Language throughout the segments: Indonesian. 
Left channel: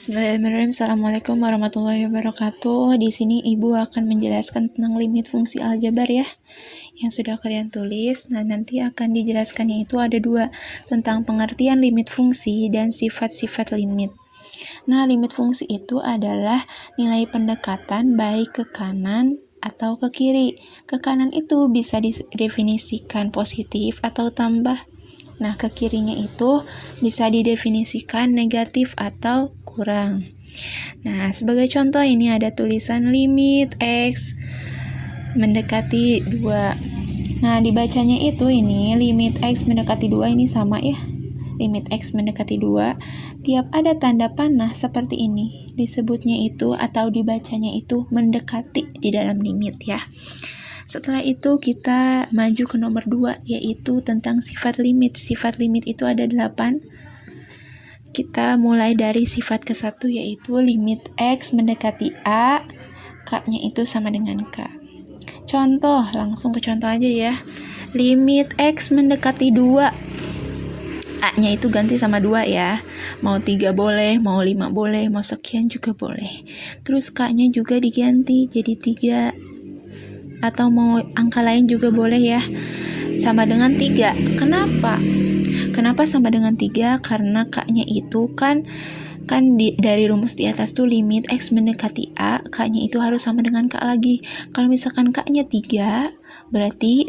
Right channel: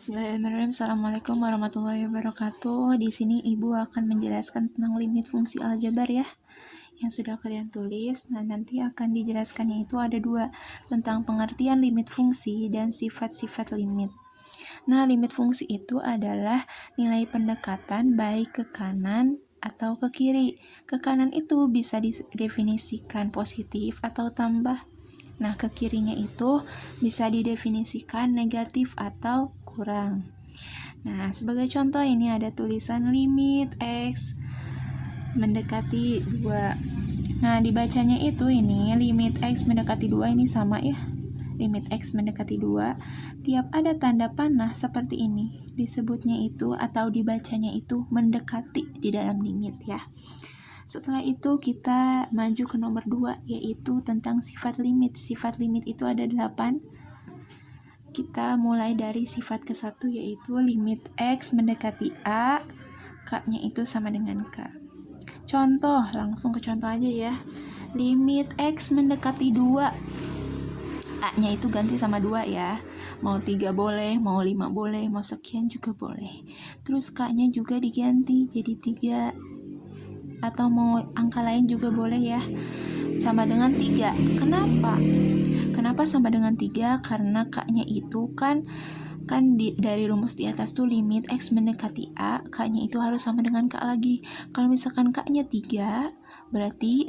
Bismillahirrahmanirrahim. Assalamualaikum warahmatullahi wabarakatuh. Di sini Ibu akan menjelaskan tentang limit fungsi aljabar ya, yang sudah kalian tulis. Nah, nanti akan dijelaskannya itu ada dua, tentang pengertian limit fungsi dan sifat-sifat limit. Nah, limit fungsi itu adalah nilai pendekatan baik ke kanan atau ke kiri. Ke kanan itu bisa didefinisikan positif atau tambah. Nah, ke kirinya itu bisa didefinisikan negatif atau kurang. Nah, sebagai contoh ini ada tulisan limit X mendekati 2. Nah, dibacanya itu ini limit X mendekati 2 ini sama ya. Limit X mendekati 2. Tiap ada tanda panah seperti ini, disebutnya itu atau dibacanya itu mendekati di dalam limit ya. Setelah itu kita maju ke nomor 2, yaitu tentang sifat limit. Sifat limit itu ada 8. Kita mulai dari sifat ke-1, yaitu limit X mendekati A, K-nya itu sama dengan K. Contoh, langsung ke contoh aja ya. Limit X mendekati 2, A-nya itu ganti sama 2 ya. Mau 3 boleh, mau 5 boleh, mau sekian juga boleh. Terus K-nya juga diganti jadi 3. Atau mau angka lain juga boleh ya, sama dengan 3. Kenapa sama dengan 3? Karena K-nya itu kan dari rumus di atas tuh limit X mendekati A, K-nya itu harus sama dengan K lagi. Kalau misalkan K-nya 3, berarti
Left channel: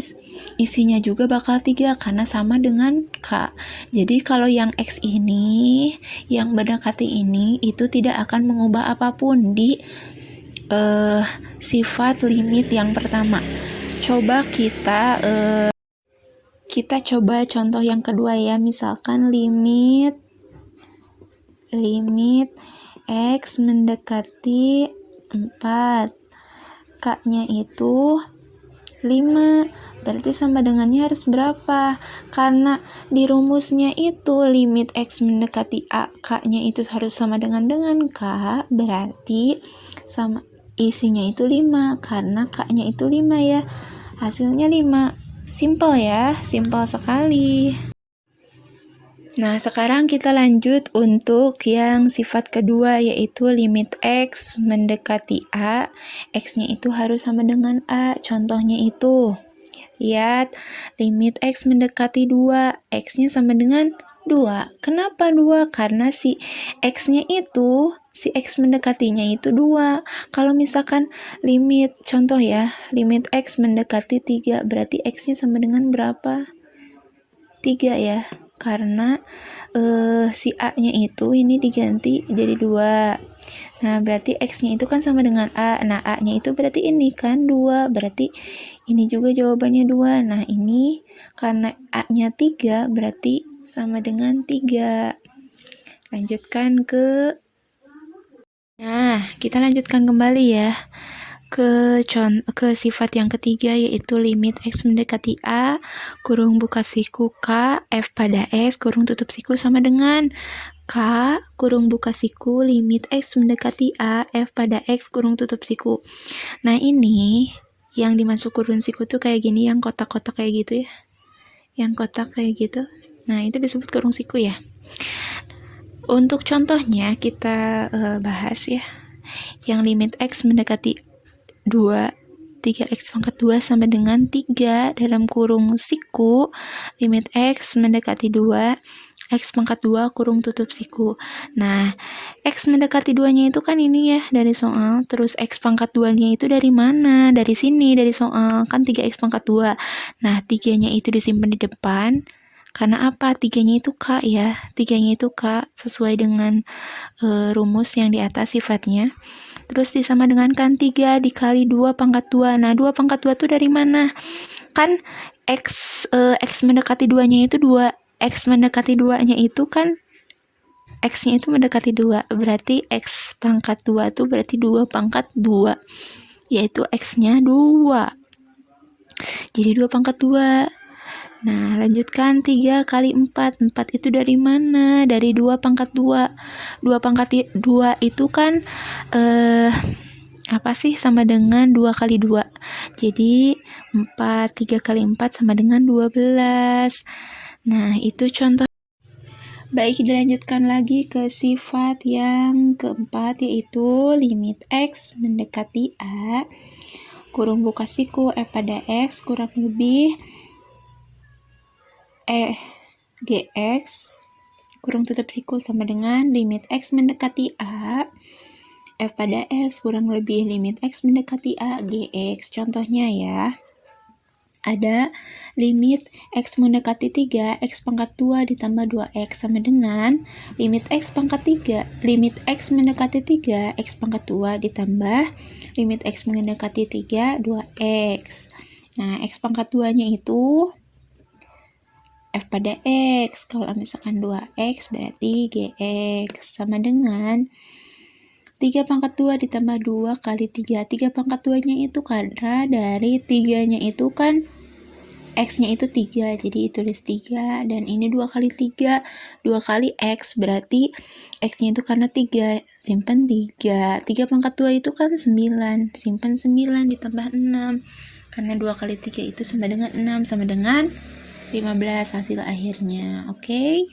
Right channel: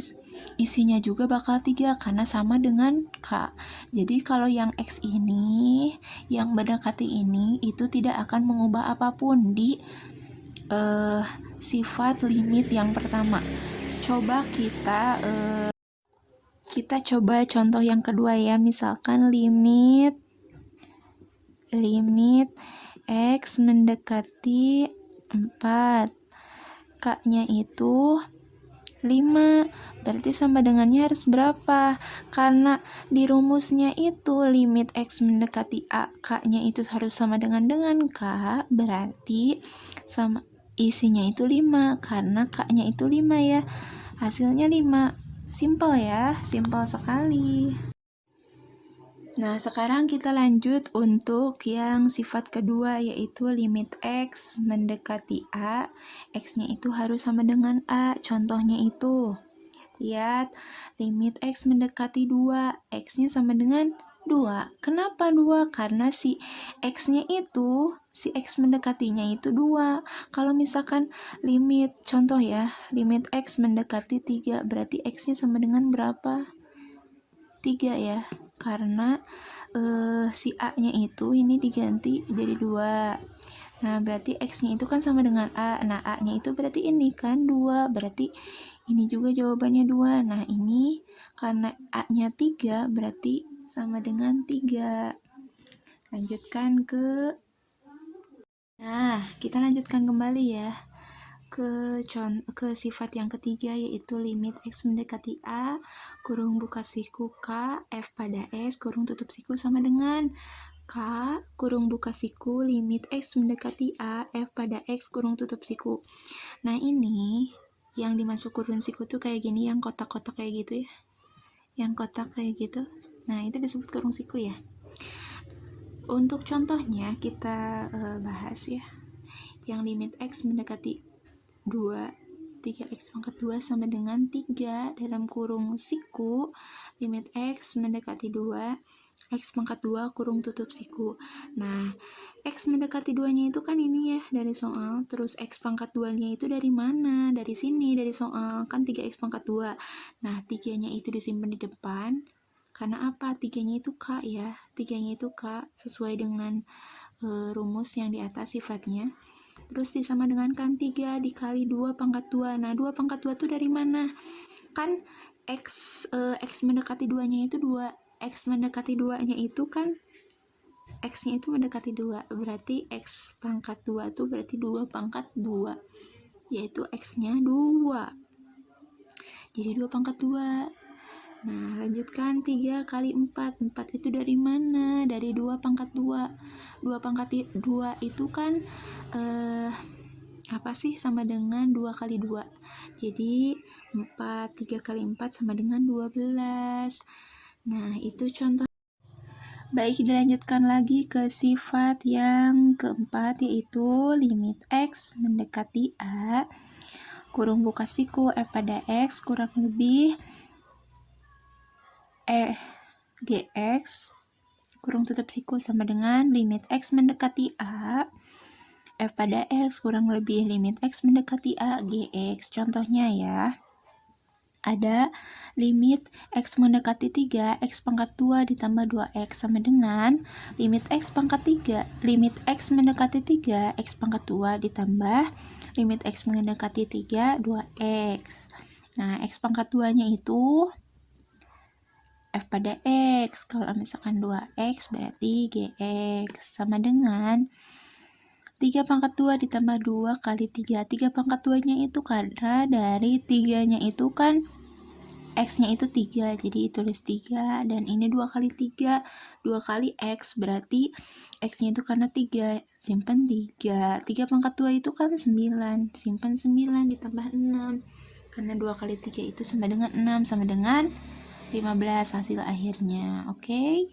isinya juga bakal 3 karena sama dengan K. Jadi kalau yang X ini, yang mendekati ini, itu tidak akan mengubah apapun di sifat limit yang pertama. Coba kita coba contoh yang kedua ya. Misalkan limit X mendekati 4, K-nya itu 5, berarti sama dengannya harus berapa? Karena di rumusnya itu limit X mendekati A, K-nya itu harus sama dengan K, berarti sama isinya itu 5, karena K-nya itu 5 ya. Hasilnya 5. Simple ya, simple sekali. Nah, sekarang kita lanjut untuk yang sifat kedua, yaitu limit X mendekati A, X-nya itu harus sama dengan A. Contohnya itu, lihat, limit X mendekati 2, X-nya sama dengan 2. Kenapa 2? Karena si X-nya itu, si X mendekatinya itu 2. Kalau misalkan limit, contoh ya, limit X mendekati 3, berarti X-nya sama dengan berapa? 3 ya. Karena si A-nya itu ini diganti jadi 2. Nah, berarti X-nya itu kan sama dengan A. Nah, A-nya itu berarti ini kan 2. Berarti ini juga jawabannya 2. Nah, ini karena A-nya 3, berarti sama dengan 3. Lanjutkan ke... Nah, kita lanjutkan kembali ya. Ke sifat yang ketiga, yaitu limit X mendekati A, kurung buka siku K, F pada S, kurung tutup siku sama dengan K, kurung buka siku, limit X mendekati A, F pada X, kurung tutup siku. Nah, ini yang dimasuk kurung siku tuh kayak gini, yang kotak-kotak kayak gitu ya. Yang kotak kayak gitu. Nah, itu disebut kurung siku ya. Untuk contohnya kita bahas ya. Yang limit X mendekati 2, 3x pangkat 2 sama dengan 3 dalam kurung siku, limit X mendekati 2, X pangkat 2 kurung tutup siku. Nah, X mendekati 2-nya itu kan ini ya dari soal, terus X pangkat 2-nya itu dari mana? Dari sini, dari soal, kan 3x pangkat 2. Nah, 3-nya itu disimpan di depan, karena apa? 3-nya itu K ya, 3-nya itu K, sesuai dengan rumus yang di atas sifatnya. Terus disama dengan kan 3 dikali 2 pangkat 2. Nah, 2 pangkat 2 tuh dari mana? Kan X mendekati 2-nya itu 2. X mendekati 2-nya itu kan X-nya itu mendekati 2. Berarti X pangkat 2 tuh berarti 2 pangkat 2. Yaitu X-nya 2. Jadi 2 pangkat 2. Nah, lanjutkan 3 kali 4. 4 itu dari mana? Dari 2 pangkat 2. 2 pangkat 2 itu kan apa sih? Sama dengan 2 kali 2. Jadi 3 kali 4 sama dengan 12. Nah, itu contoh. Baik, dilanjutkan lagi ke sifat yang keempat, yaitu limit X mendekati A, kurung buka siku F pada X kurang lebih GX, kurung tutup siku sama dengan limit X mendekati A, F pada X kurang lebih limit X mendekati A, GX. Contohnya ya, ada limit X mendekati 3, X pangkat 2 ditambah 2X sama dengan limit X pangkat 3, limit X mendekati 3, X pangkat 2 ditambah limit X mendekati 3, 2X. Nah, X pangkat 2-nya itu F pada X. Kalau misalkan 2X berarti GX sama dengan 3 pangkat 2 ditambah 2 kali 3. 3 pangkat 2-nya itu karena dari 3-nya itu kan X-nya itu 3, jadi tulis 3, dan ini 2 kali 3, 2 kali X, berarti X-nya itu karena 3, simpan 3. 3 pangkat 2 itu kan 9, simpan 9 ditambah 6, karena 2 kali 3 itu sama dengan 6, sama dengan 15 hasil akhirnya, oke?